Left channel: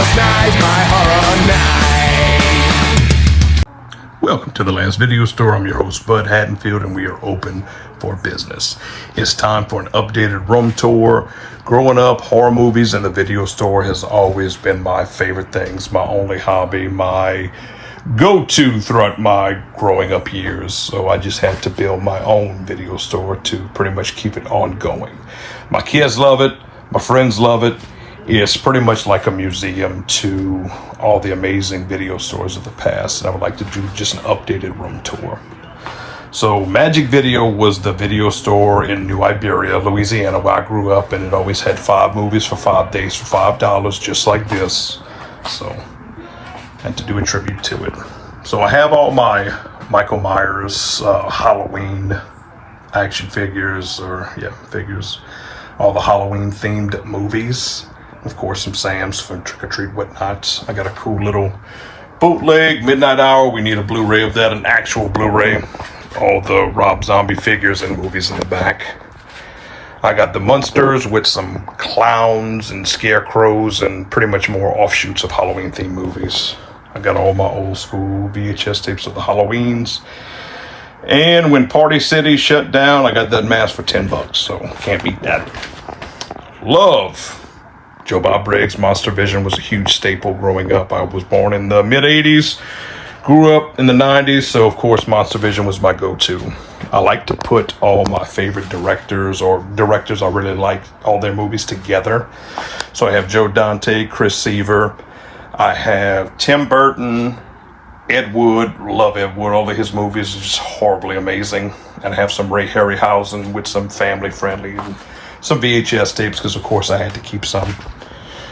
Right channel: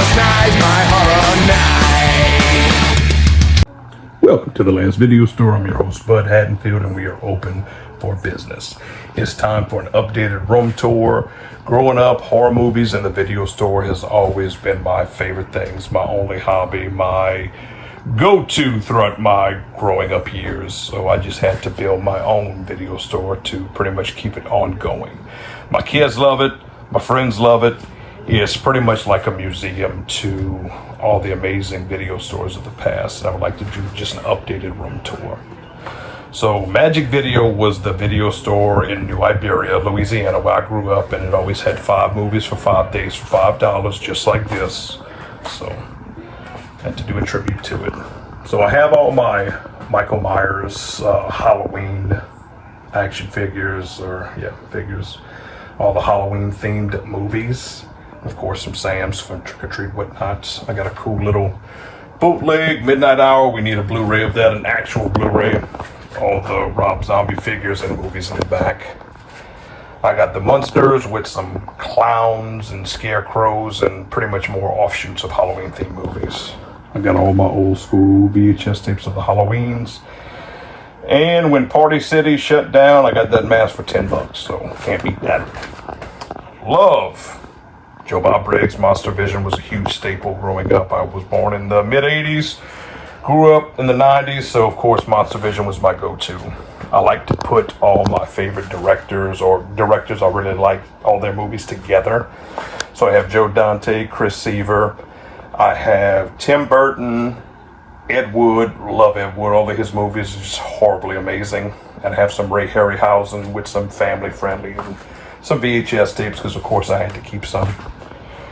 Last night's my horror night. Welcome to the Lance Video Store. I'm your host, Bud Haddonfield, and we are open for business. It's time for an updated room tour. Growing up, horror movies and the video store has always been my favorite things, my only hobby, my go-to throughout my growing up years. So I just had to build my own video store to pretty much keep it ongoing. My kids love it. My friends love it. It's pretty much like a museum to all the amazing video stores of the past, and I would like to do just an updated room tour. So Magic Video was the video store in New Iberia, Louisiana, where I grew up, and it always had 5 movies for 5 days for $5, just like this. So I had to do a tribute to it. So I have all my Michael Myers Halloween action figures, figures, all the Halloween themed movies. Of course, some Sam's for Trick or Treat, whatnot. I got a cool little bootleg, Midnight Hour. We need a Blu-ray of that, an actual Blu-ray. All the Rob Zombie figures and movies in the back. I got the Munsters with some clowns and scarecrows and pretty much more offshoots of Halloween themed movies. I got all my old school VHS tapes of the Halloweens. And when Party City shut down, I got that mask for $10, so can't beat that. Love Joe Bob Briggs. Monster Vision was a huge staple growing up. I was born in the mid-'80s, grew up in the 90s, so of course Monster Vision was my go-to. I like to put all my favorite directors or directors I really like, all their movies together. So I have Joe Dante, Chris Seaver, I have Tim Burton, Ed Wood. Love Ed Wood. All of his movies are just horribly amazing. And I have some Ray Harryhausen with some family friendly and some VHS tapes, because of course I had to keep some.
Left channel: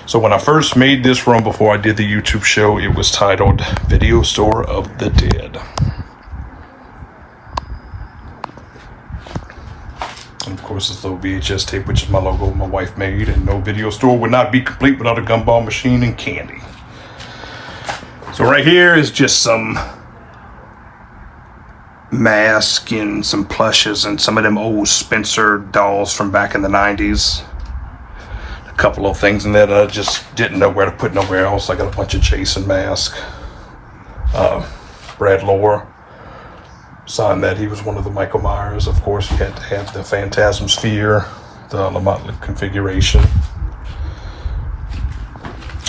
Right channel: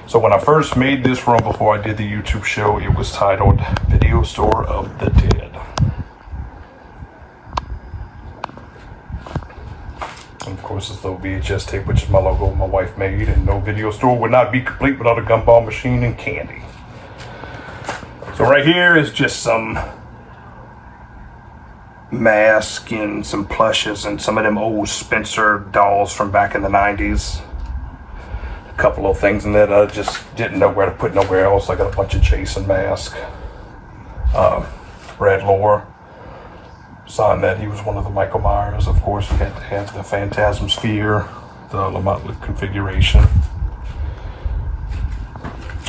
So when I first made this room before I did the YouTube show, it was titled Video Store of the Dead. And of course it's the VHS tape, which is my logo my wife made, and no video store would not be complete without a gumball machine and candy. So right here is just some masks and some plushes and some of them old Spencer dolls from back in the 90s. A couple of things in there that I just didn't know where to put nowhere else. I got a bunch of Jason masks. Brad Lower signed that he was one of the Michael Myers. Of course, you had to have the Phantasm Sphere, the Lamont configuration.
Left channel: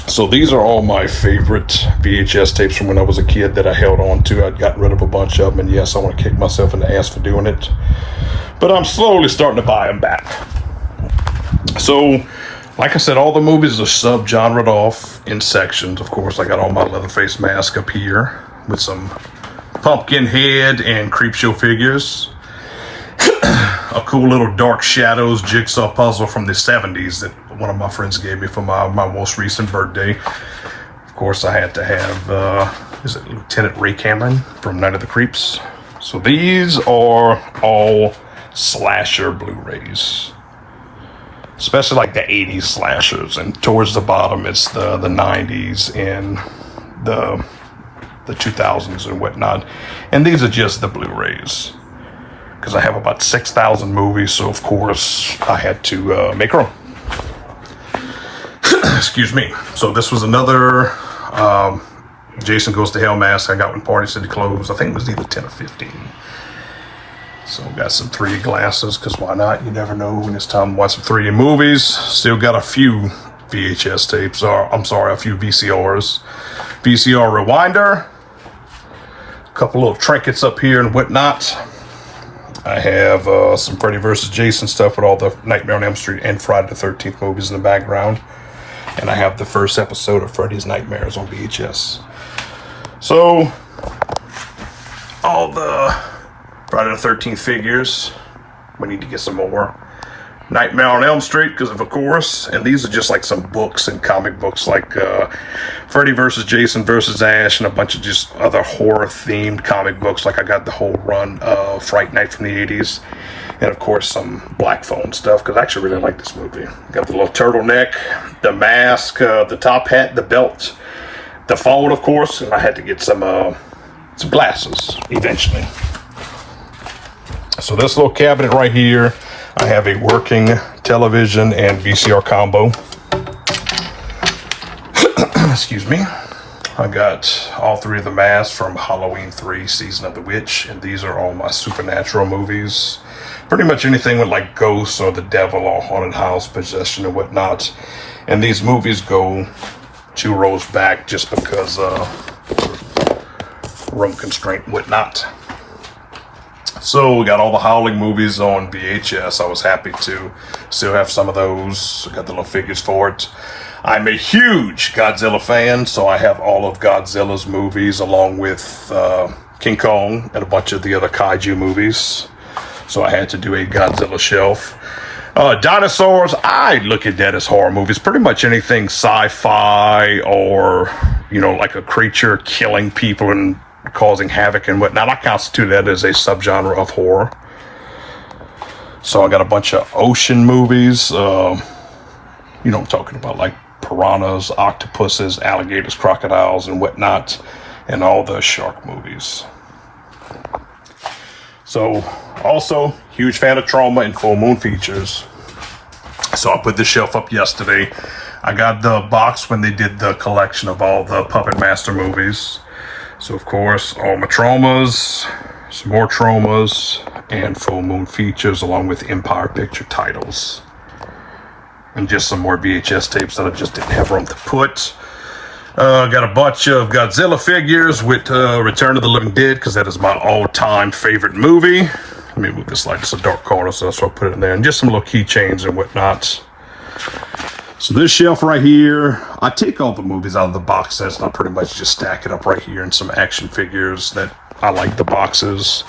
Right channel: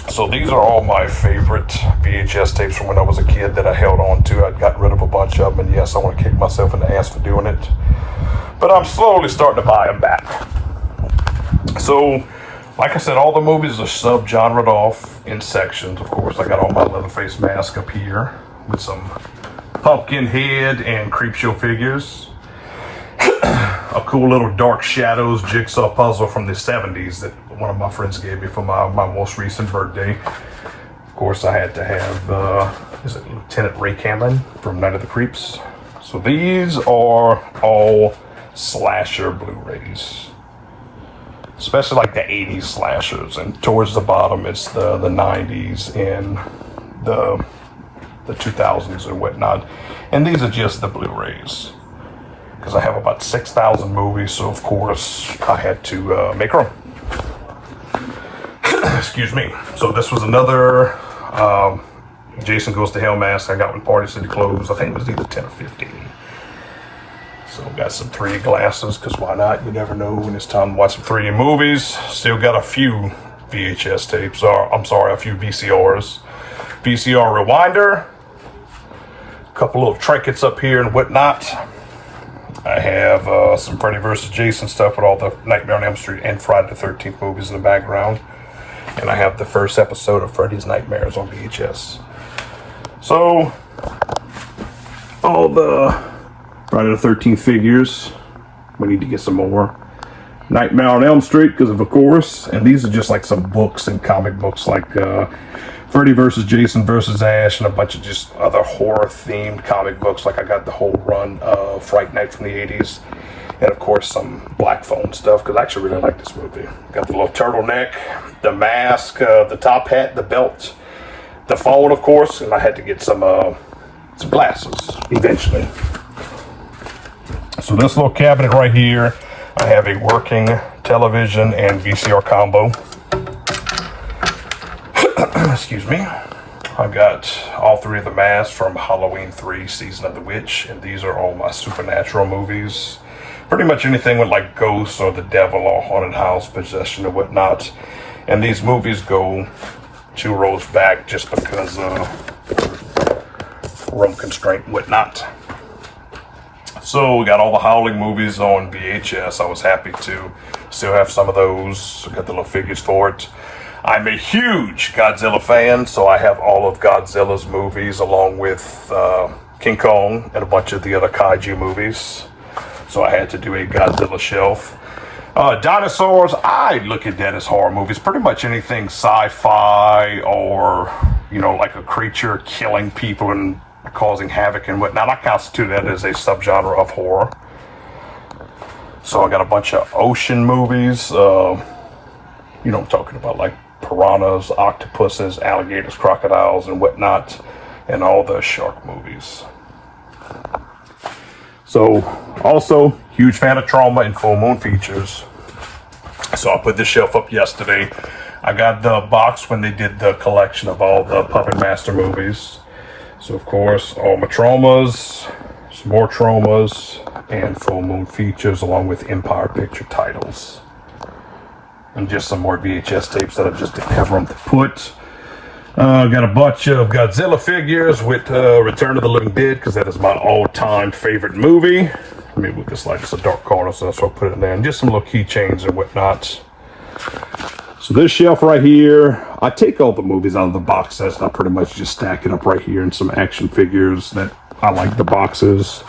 So these are all my favorite VHS tapes from when I was a kid that I held on to. I'd gotten rid of a bunch of them, and yes, I want to kick myself in the ass for doing it. But I'm slowly starting to buy them back. So, like I said, all the movies are sub-genred off in sections. Of course, I got all my Leatherface mask up here with some Pumpkinhead and Creepshow figures. A cool little Dark Shadows jigsaw puzzle from the 70s that one of my friends gave me for my most recent birthday. Of course, I had to have, is it Lieutenant Ray Cameron from Night of the Creeps? So these are all slasher Blu-rays, especially like the 80s slashers. And towards the bottom, it's the 90s and the 2000s and whatnot. And these are just the Blu-rays, because I have about 6,000 movies, so of course I had to make room. Excuse me. So this was another Jason Goes to Hell mask I got when Party City closed. I think it was either 10 or 15. So we got some 3D glasses, because why not? You never know when it's time to watch some 3D movies. Still got a few VHS tapes, or I'm sorry, a few VCRs. VCR Rewinder. A couple little trinkets up here and whatnot. I have some Freddy vs. Jason stuff with all the Nightmare on Elm Street and Friday the 13th movies in the background. And I have the first episode of Freddy's Nightmares on VHS. So, all the Friday the 13th figures. We need to get some more. Nightmare on Elm Street, because of course. And these are just like some books and comic books, like Freddy vs. Jason vs. Ash, and a bunch of just other horror-themed comic books. Like I got the whole run of Fright Night from the 80s. And of course some Black Phone stuff, because I actually really like this movie. Got the little turtleneck, the mask, the top hat, the belt, the phone, of course, and I had to get some glasses eventually. So this little cabinet right here, I have a working television and VCR combo. Excuse me. I got all three of the masks from Halloween 3 Season of the Witch, and these are all my supernatural movies. Pretty much anything with like ghosts or the devil or haunted house, possession or whatnot. And these movies go 2 rows back just because room constraint and whatnot. So we got all the Howling movies on VHS. I was happy to still have some of those. I got the little figures for it. I'm a huge Godzilla fan, so I have all of Godzilla's movies along with King Kong and a bunch of the other kaiju movies. So I had to do a Godzilla shelf. Dinosaurs, I look at that as horror movies. Pretty much anything sci-fi or, you know, like a creature killing people and causing havoc and whatnot. I constitute that as a subgenre of horror. So I got a bunch of ocean movies. You know, I'm talking about like piranhas, octopuses, alligators, crocodiles, and whatnot, and all the shark movies. So, also, huge fan of Trauma and Full Moon Features. So I put this shelf up yesterday. I got the box when they did the collection of all the Puppet Master movies. So, of course, all my Traumas, some more Traumas, and Full Moon Features, along with Empire Picture titles. And just some more VHS tapes that I just didn't have room to put. Got a bunch of Godzilla figures with Return of the Living Dead, because that is my all-time favorite movie. Let me move this light. It's a dark corner, so that's why I put it in there. And just some little keychains and whatnot. So this shelf right here, I take all the movies out of the box sets, and I pretty much just stack it up right here in some action figures that I like the boxes.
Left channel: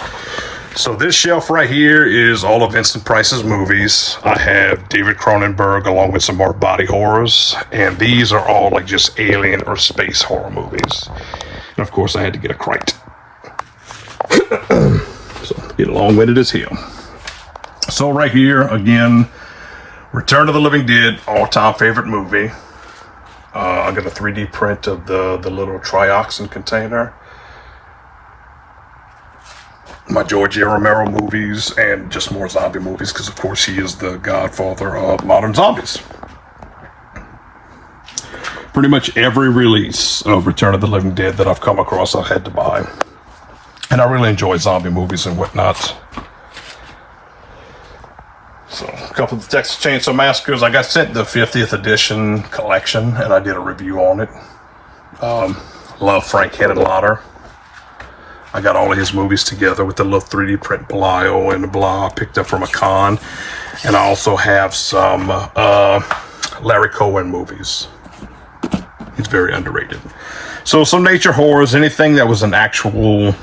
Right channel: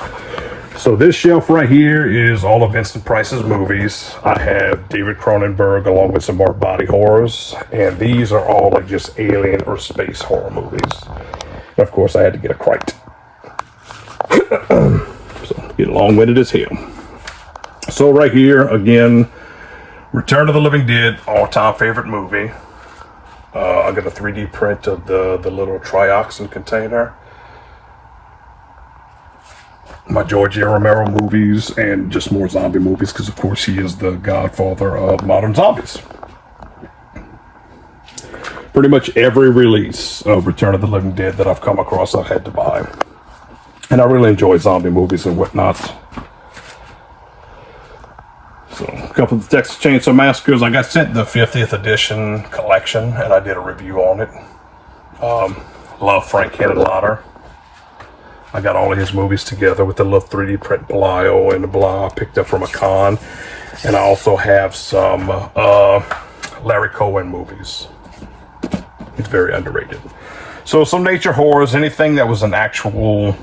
So this shelf right here is all of Vincent Price's movies. I have David Cronenberg along with some more body horrors. And these are all like just alien or space horror movies. And of course I had to get a crate. So get long-winded as hell. So right here, again, Return of the Living Dead, all-time favorite movie. I got a 3D print of the little trioxin container. My George A. Romero movies, and just more zombie movies, because of course he is the godfather of modern zombies. Pretty much every release of Return of the Living Dead that I've come across, I've had to buy. And I really enjoy zombie movies and whatnot. So, a couple of the Texas Chainsaw Massacres. I got sent the 50th edition collection, and I did a review on it. Love Frank Henenlotter. I got all of his movies together with the little 3D print Belial and the blah I picked up from a con. And I also have some Larry Cohen movies. He's very underrated. So some nature horrors, anything that was an actual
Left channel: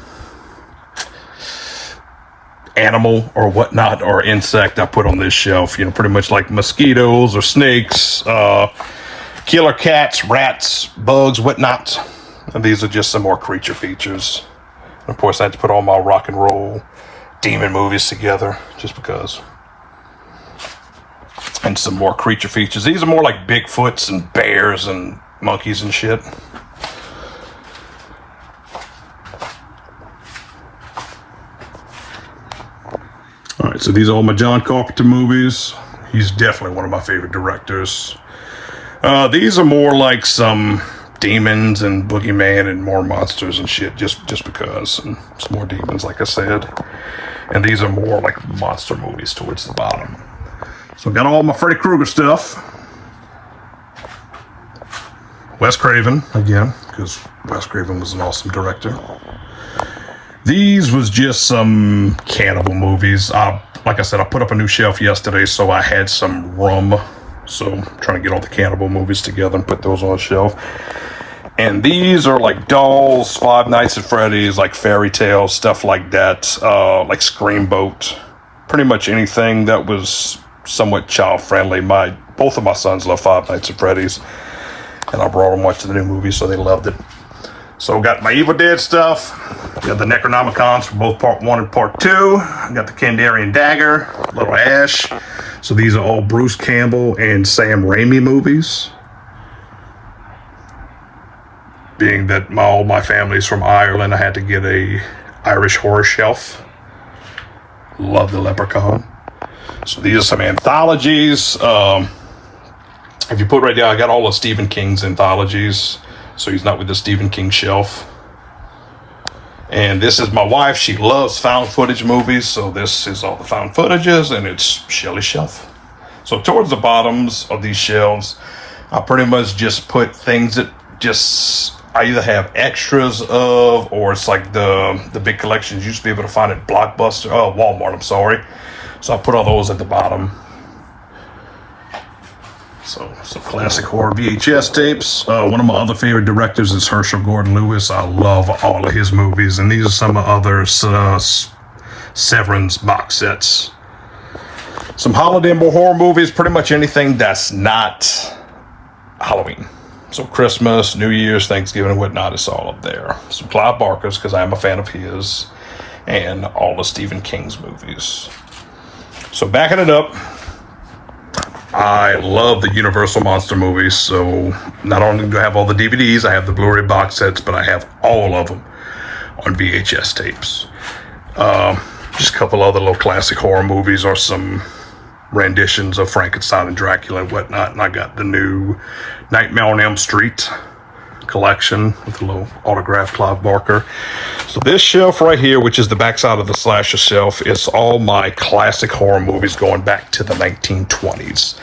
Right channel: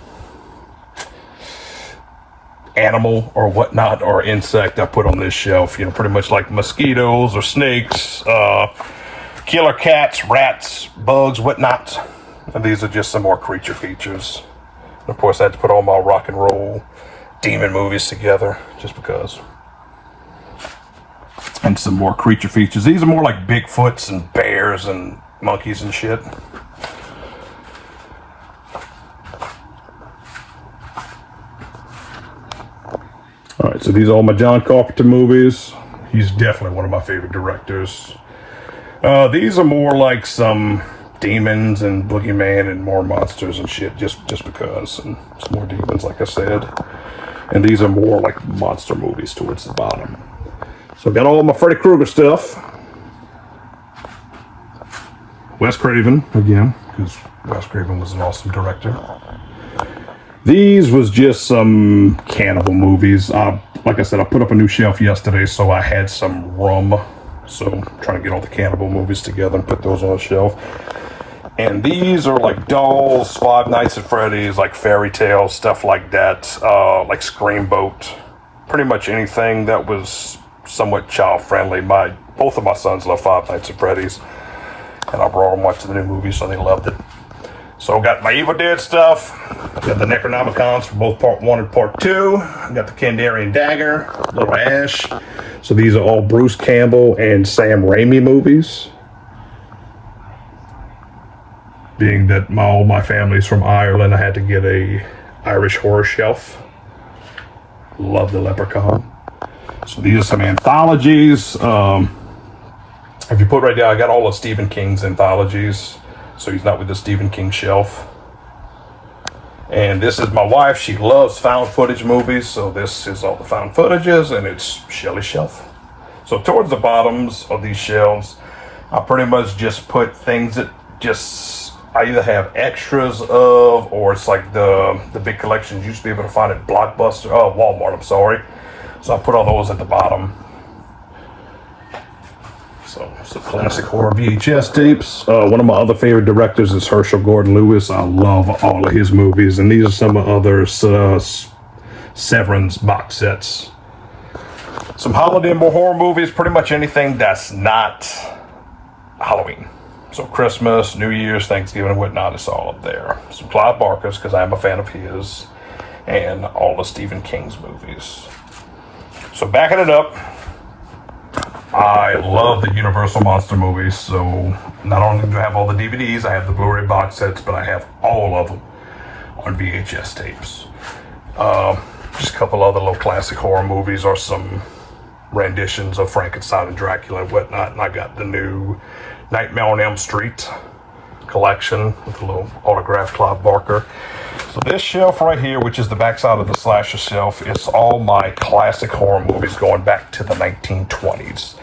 animal or whatnot or insect I put on this shelf. You know, pretty much like mosquitoes or snakes, killer cats, rats, bugs, whatnot. And these are just some more creature features. Of course, I had to put all my rock and roll demon movies together just because. And some more creature features. These are more like Bigfoots and bears and monkeys and shit. All right, so these are all my John Carpenter movies. He's definitely one of my favorite directors. These are more like some demons and boogeyman and more monsters and shit, just because, and some more demons, like I said. And these are more like monster movies towards the bottom. So I've got all my Freddy Krueger stuff. Wes Craven again, because Wes Craven was an awesome director. These was just some cannibal movies. Like I said, I put up a new shelf yesterday, so I had some room. So I'm trying to get all the cannibal movies together and put those on a shelf. And these are like Dolls, Five Nights at Freddy's, like Fairy Tales, stuff like that, like Scream Boat. Pretty much anything that was somewhat child friendly. Both of my sons love Five Nights at Freddy's, and I brought them watching the new movie, so they loved it. So I got my Evil Dead stuff. I got the Necronomicons for both Part 1 and Part 2. I got the Kandarian Dagger, Little Ash. So these are all Bruce Campbell and Sam Raimi movies. Being that all my family's from Ireland, I had to get a Irish horror shelf. Love the Leprechaun. So these are some anthologies. If you put right there, I got all of Stephen King's anthologies. So he's not with the Stephen King shelf. And this is my wife. She loves found footage movies. So this is all the found footages, and it's Shelley's shelf. So towards the bottoms of these shelves, I pretty much just put things that I either have extras of, or it's like the big collections you used to be able to find at Walmart, I'm sorry. So I put all those at the bottom. So some classic horror VHS tapes. One of my other favorite directors is Herschel Gordon Lewis. I love all of his movies, and these are some of others. Severance box sets. Some holiday horror movies, pretty much anything that's not Halloween. So Christmas, New Year's, Thanksgiving, and whatnot, it's all up there. Some Clive Barker's, because I'm a fan of his, and all of Stephen King's movies. So backing it up, I love the Universal Monster movies, so not only do I have all the DVDs, I have the Blu-ray box sets, but I have all of them on VHS tapes. Just a couple other little classic horror movies or some renditions of Frankenstein and Dracula and whatnot, and I got the new Nightmare on Elm Street collection with a little autographed Clive Barker. So this shelf right here, which is the backside of the slasher shelf, is all my classic horror movies going back to the 1920s.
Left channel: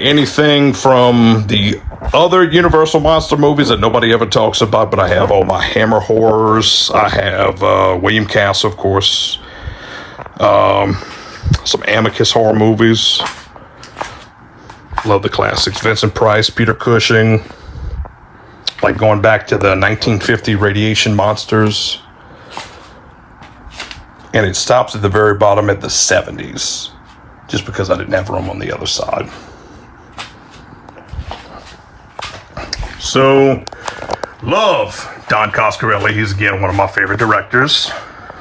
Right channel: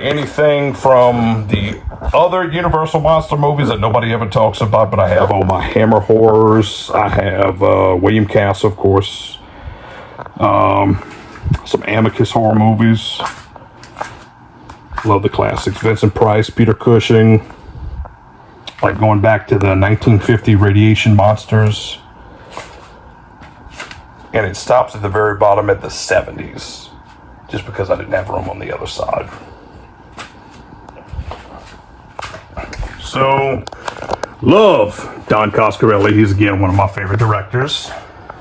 Anything from the other Universal Monster movies that nobody ever talks about, but I have all my Hammer horrors. I have William Castle, of course. Some Amicus horror movies. Love the classics. Vincent Price, Peter Cushing. Like going back to the 1950 Radiation Monsters. And it stops at the very bottom at the 70s. Just because I didn't have room on the other side. So, love Don Coscarelli. He's again one of my favorite directors.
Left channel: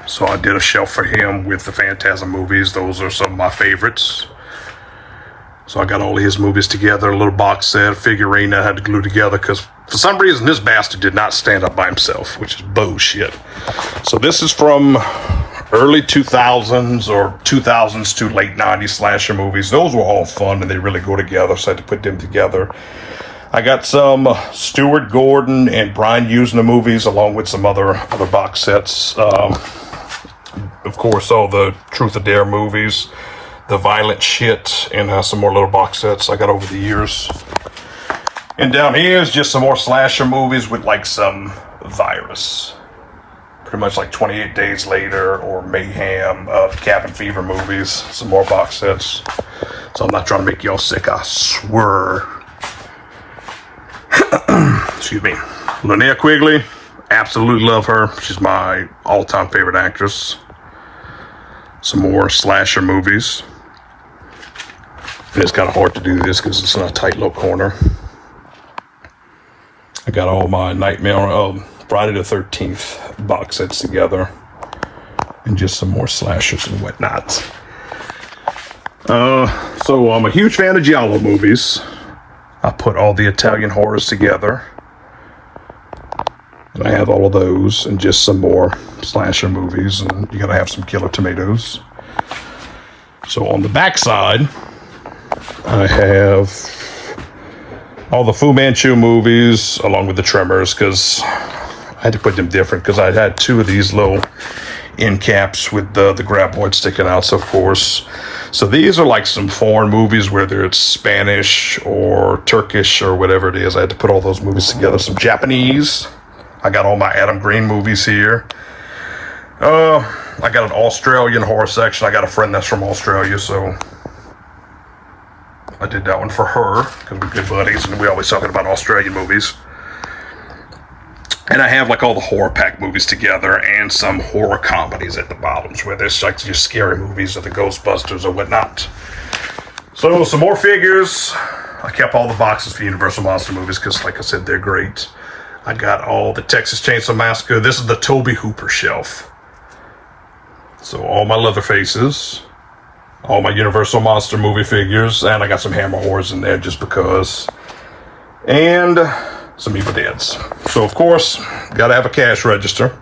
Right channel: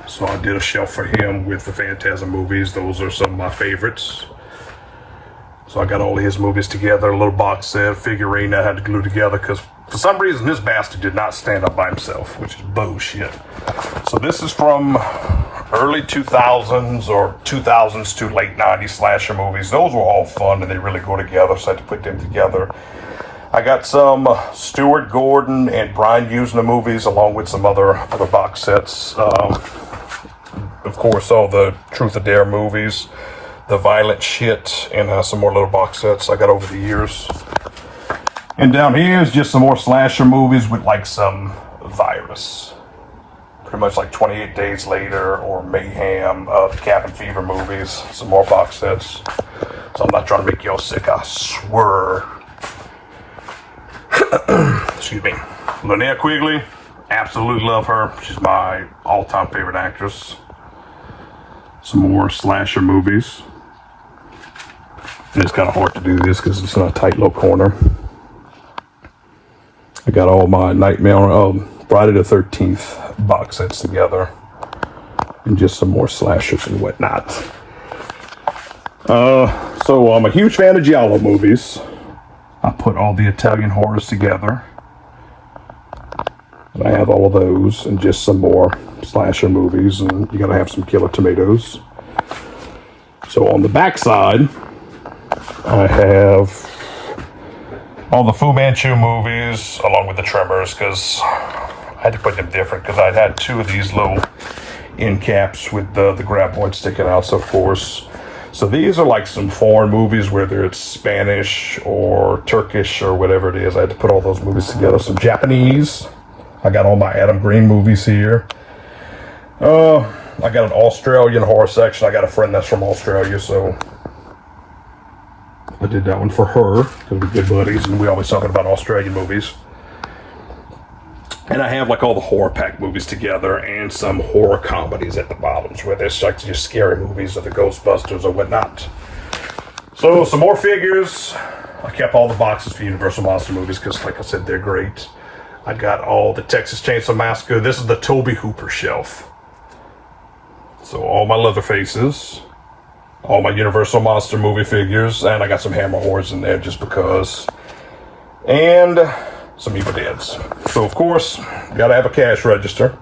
So I did a shelf for him with the Phantasm movies. Those are some of my favorites. So I got all of his movies together, a little box set, a figurine that I had to glue together because for some reason this bastard did not stand up by himself, which is bullshit. So this is from early 2000s or 2000s to late 90s slasher movies. Those were all fun and they really go together, so I had to put them together. I got some Stuart Gordon and Brian Usna movies along with some other box sets. Of course, all the Truth or Dare movies, the Violent Shit, and some more little box sets I got over the years. And down here is just some more slasher movies with like some Virus. Pretty much like 28 Days Later or Mayhem, Cabin Fever movies, some more box sets. So I'm not trying to make y'all sick, I swear. Excuse me. Linnea Quigley, absolutely love her. She's my all-time favorite actress. Some more slasher movies. And it's kind of hard to do this because it's in a tight little corner. I got all my Nightmare, Friday the 13th box sets together. And just some more slashers and whatnot. So I'm a huge fan of Giallo movies. I put all the Italian horrors together. And I have all of those and just some more slasher movies. And you gotta have some Killer Tomatoes. So on the back side, I have all the Fu Manchu movies along with the Tremors because I had to put them different because I'd had two of these little end caps with the graboid sticking out, so of course. So these are like some foreign movies, whether it's Spanish or Turkish or whatever it is. I had to put all those movies together. Some Japanese. I got all my Adam Green movies here. I got an Australian horror section. I got a friend that's from Australia, so I did that one for her because we're good buddies and we always talking about Australian movies. And I have like all the horror pack movies together and some horror comedies at the bottoms where there's like just scary movies or the Ghostbusters or whatnot. So some more figures. I kept all the boxes for Universal Monster movies because like I said, they're great. I got all the Texas Chainsaw Massacre. This is the Tobe Hooper shelf. So all my Leatherfaces, all my Universal Monster movie figures, and I got some Hammer horrors in there just because. And some Evil Deads. So of course, gotta have a cash register.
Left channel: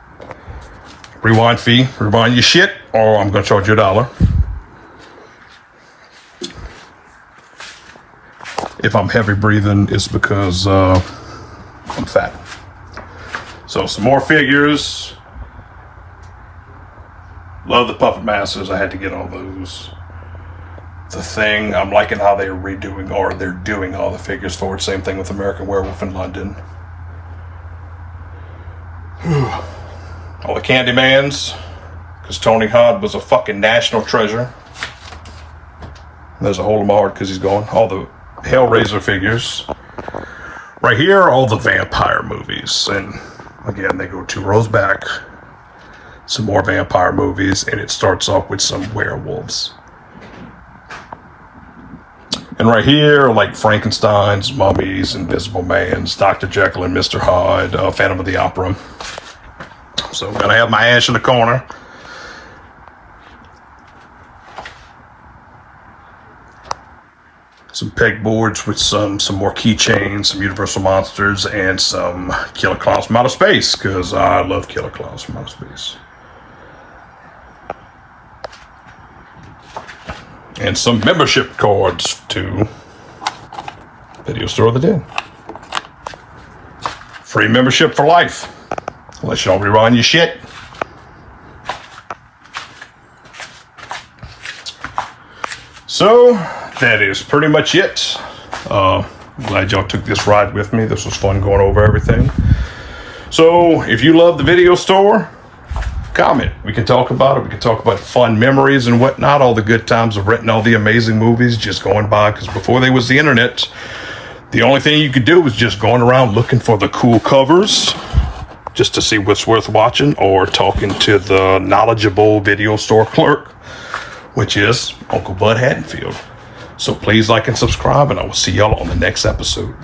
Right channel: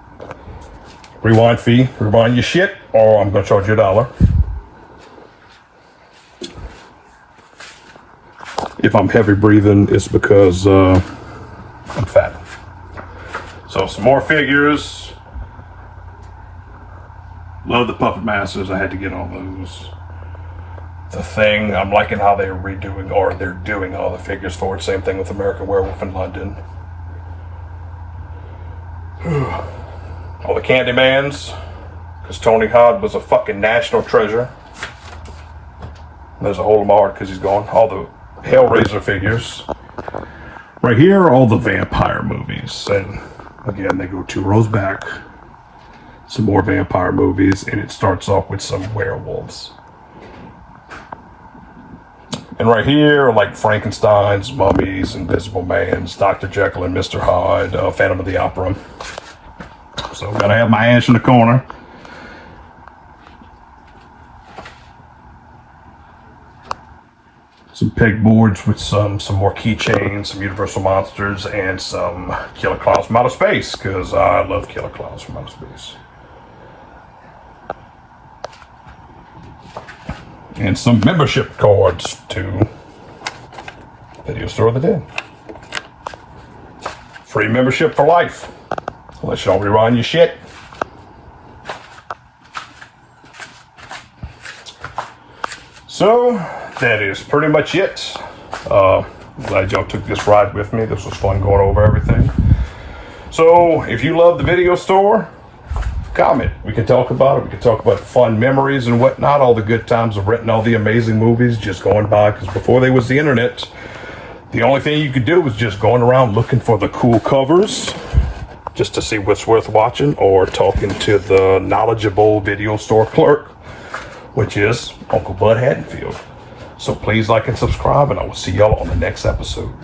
Rewind fee, rewind your shit, or I'm gonna charge you $1. If I'm heavy breathing, it's because I'm fat. So some more figures. Love the Puppet Masters. I had to get all those. The Thing. I'm liking how they're redoing, or they're doing all the figures for it. Same thing with American Werewolf in London. All the Candymans, because Tony Hod was a fucking national treasure. There's a hole in my heart because he's gone. All the Hellraiser figures. Right here, all the vampire movies. And again, they go 2 rows back. Some more vampire movies, and it starts off with some werewolves. And right here, like Frankenstein's, Mummies, Invisible Man's, Dr. Jekyll and Mr. Hyde, Phantom of the Opera. So I'm gonna have my ash in the corner. Some pegboards with some more keychains, some Universal Monsters, and some Killer Clowns from Outer Space, because I love Killer Clowns from Outer Space. And some membership cards to Video Store of the Dead. Free membership for life. Unless you don't rerun your shit. So, that is pretty much it. Glad y'all took this ride with me. This was fun going over everything. So, if you love the Video Store, comment. We can talk about it. We can talk about fun memories and whatnot. All the good times of renting all the amazing movies, just going by. Because before there was the internet, the only thing you could do was just going around looking for the cool covers, just to see what's worth watching, or talking to the knowledgeable video store clerk, which is Uncle Bud Haddonfield. So please like and subscribe, and I will see y'all on the next episode.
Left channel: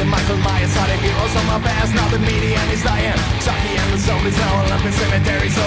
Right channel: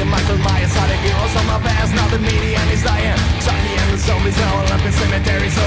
Michael Myers are the heroes of my past. Now the media is dying. Chucky and the zombies are all up in cemetery. So